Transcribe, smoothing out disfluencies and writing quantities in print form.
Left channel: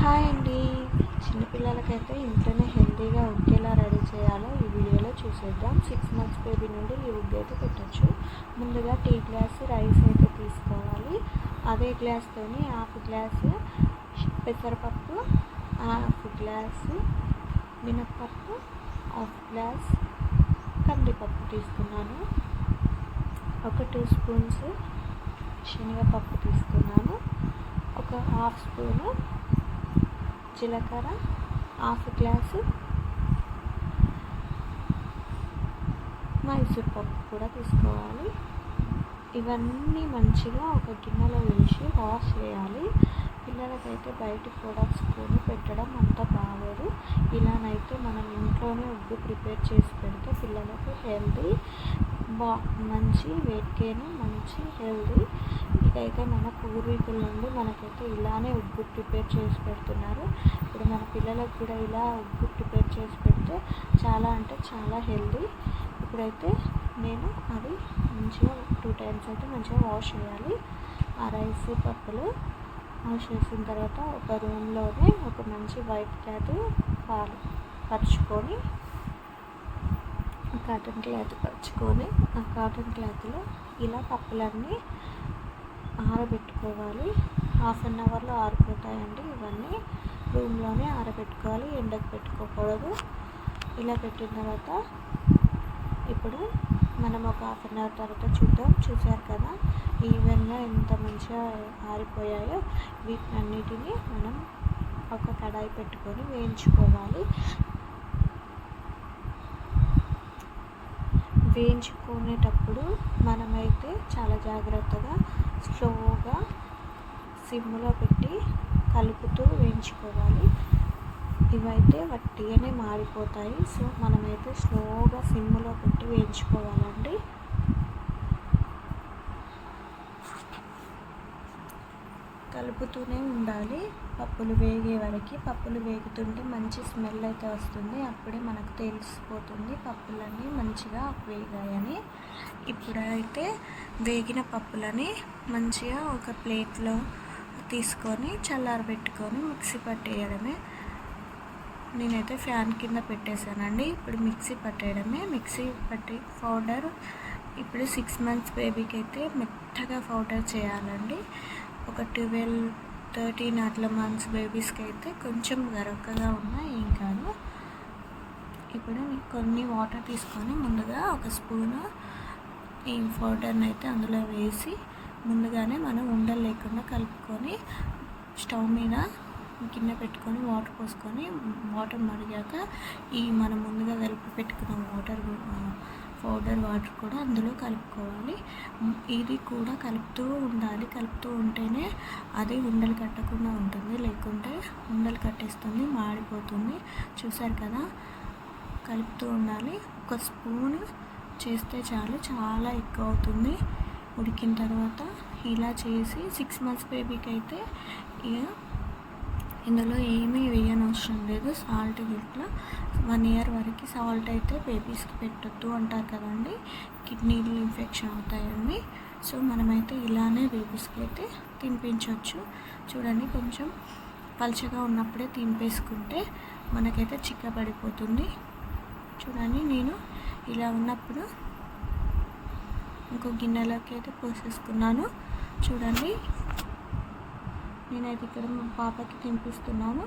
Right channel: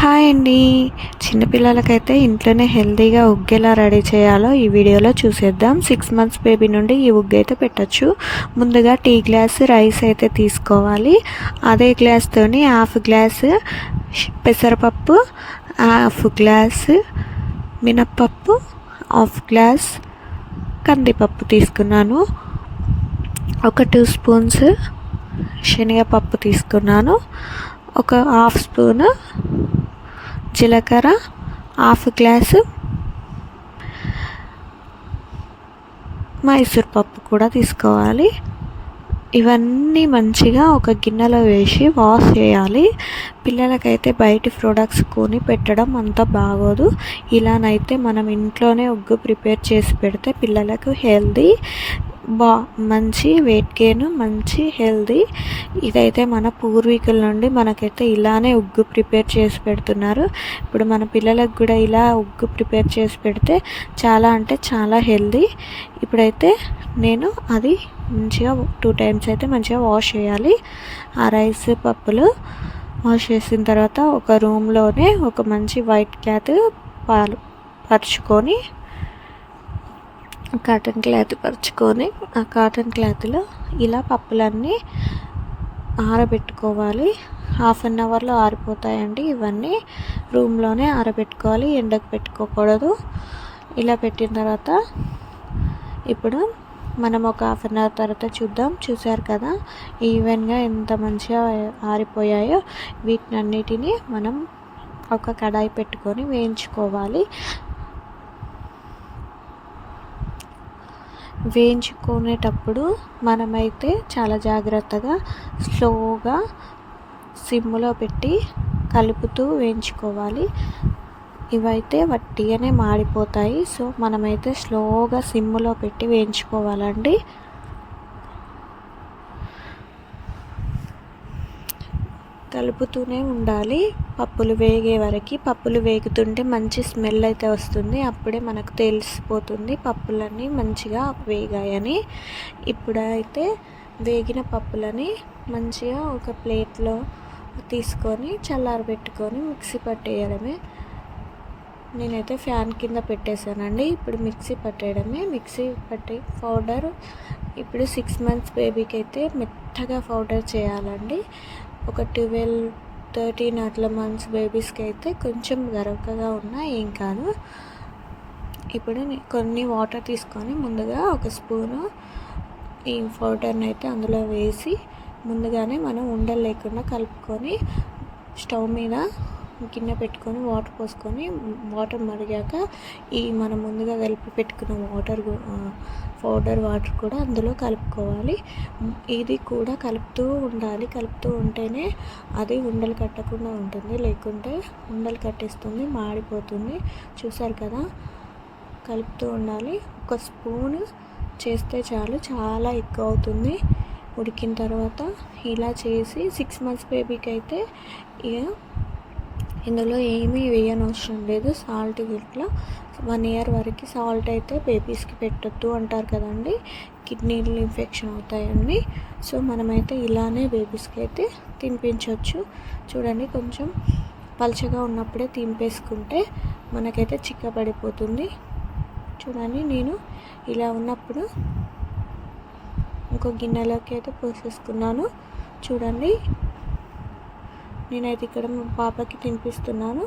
Hi అండి. చిన్నపిల్లలకైతే ఇంట్లోనే హెల్తీగా ఉగ్గు ఎలా రెడీ చేయాలో ఈ వీడియోలో చూసేద్దాం. 6 మంత్స్ బేబీ నుండి ఈ ఉగ్గు అయితే పెట్టచ్చు. ముందుగా టీ గ్లాస్ రైస్ అయితే తీసుకోవాలి. అదే గ్లాస్తోని హాఫ్ గ్లాస్ పెసరపప్పు, హాఫ్ గ్లాస్ మినప్పప్పు, హాఫ్ గ్లాస్ కందిపప్పు తీసుకున్నాను. ఒక 2 స్పూన్స్ శనగపప్పు తీసుకున్నాను. ఒక హాఫ్ స్పూను జీలకర్ర, హాఫ్ గ్లాసు మైసూర్ పప్పు కూడా తీసుకోవాలి. ఇవన్నీ మంచిగా ఒక గిన్నెలో వేసి వాష్ చేయాలి. పిల్లలకైతే బయటి ప్రొడక్ట్స్ కొని పెట్టడం అంత బాగోదు. ఇలానైతే మనం ఇంట్లోనే ఉగ్గు ప్రిపేర్ చేసి పెడితే పిల్లలకు హెల్దీ, మంచి వెయిట్ గెయిన్, మంచి హెల్దీ. ఇదైతే మన పూర్వీకుల నుండి మనకైతే ఇలానే ఉగ్గు ప్రిపేర్ చేసి పెడుతున్నారు. ఇప్పుడు మన పిల్లలకు కూడా ఇలా ఉగ్గు ప్రిపేర్ చేసి పెడితే చాలా అంటే చాలా హెల్దీ. ఇప్పుడైతే నేను అది మంచిగా 2 టైమ్స్ అయితే మంచిగా వాష్ చేయాలి. ఆ రైస్ పప్పులు వాష్ చేసిన తర్వాత ఒక రూమ్లోనే ఒక మంచి వైట్ క్లాత్ పరుచుకొని కాటన్ క్లాత్ పరుచుకొని ఆ కాటన్ క్లాత్లో ఇలా పప్పులన్నీ ఆరబెట్టుకోవాలి. హాఫ్ అన్ అవర్లో ఆరిపోతాయండి. ఇవన్నీ రూమ్లోనే ఆరబెట్టుకోవాలి, ఎండకు పెట్టుకోకూడదు. ఇలా పెట్టిన తర్వాత ఇప్పుడు మనం ఒక హాఫ్ అన్ అవర్ తర్వాత చూసారు కదా ఈవెన్గా ఎంత మంచిగా ఆరిపోయాయో. వీటినన్నిటినీ మనం ఒక కడాయి పెట్టుకొని వేయించుకోవాలి. వేయించుకునేటప్పుడు మనమైతే చాలా జాగ్రత్తగా స్లోగా సిమ్లో పెట్టి కలుపుతూ వేయించుకోవాలి. ఇవైతే వట్టిగానే మాడిపోతాయి. సో మనమైతే స్లోగా సిమ్లో పెట్టి వేయించుకోవాలండి. కలుపుతూనే ఉండాలి పప్పులు వేగే వరకు. పప్పులు వేగుతుంటే మంచి స్మెల్ అయితే వస్తుంది. అప్పుడే మనకు తెలిసిపోతుంది పప్పులన్నీ మంచిగా వేగాయని. ఇప్పుడైతే వేగిన పప్పులని మంచిగా ఒక ప్లేట్లో తీసుకొని చల్లారబెట్టుకొని మిక్సీ పట్టేయడమే. నేనైతే ఫ్యాన్ కింద పెట్టేశానండి. ఇప్పుడు మిక్సీ పట్టేయడమే. మిక్సీ పట్టి పౌడర్ ఇప్పుడు 6 మంత్స్ బేబీకి అయితే మెత్తగా పౌడర్ చేయాలండి. ఒక 12-13 అట్లా మంత్స్ బేబీస్కి అయితే కొంచెం గరకగా ఉన్నా ఏం కాదు. ఇప్పుడు కొన్ని వాటర్ తీసుకొని ముందుగా ఒక స్పూను ఈ పౌడర్ని అయితే అందులో వేసి ముందుగానే మనం ఉండలు లేకుండా కలుపుకొని స్టవ్ మీద గిన్నె పెట్టుకొని వాటర్ పోసుకొని వాటర్ మరిగాక ఈ మనం ముందుగా కలిపి పెట్టుకున్న పౌడర్ వాటర్ కూడా అందులో కలుపుకోవాలి. ఇది కూడా కలుపుతూ ఉండాలి. కలుపుతూ ఉంటేనే అది ఉండలు కట్టకుండా ఉంటుంది, లేకుంటే ఉండలు కట్టేస్తుంది, మాడిపోతుంది. చూసారు కదా కలుపుతూ ఉండాలి. ఒక స్పూన్ చేస్తే చాలు, చాలా ఎక్కువ అవుతుంది ఉడికిన తర్వాత. ఇలా చేసి 6 మంత్స్ బేబీకి అయితే ఇందులో ఏమీ వేయనవసరం లేదు. సాల్ట్ ఇట్లా 1 ఇయర్ వరకు సాల్ట్ అయితే బేబీస్కి పెట్టొద్దు అంటారు కదండి, కిడ్నీలు ఇన్ఫెక్షన్ అవుతాయండి. సో మనమైతే ఇలానే బేబీస్కి అయితే తినిపించవచ్చు. చూడండి కొంచెం పలుచగా ఉన్నప్పుడే తినిపేసుకుంటే మనకైతే చిక్కబడిపోతుంది. చూడండి నేను ఇలా ఉన్నప్పుడు ఇంకో గిన్నెలోకి అయితే పోసేసుకున్నాను. చూడండి నేనైతే ఇక్కడ మా పాపకి తినిపిస్తున్నాను.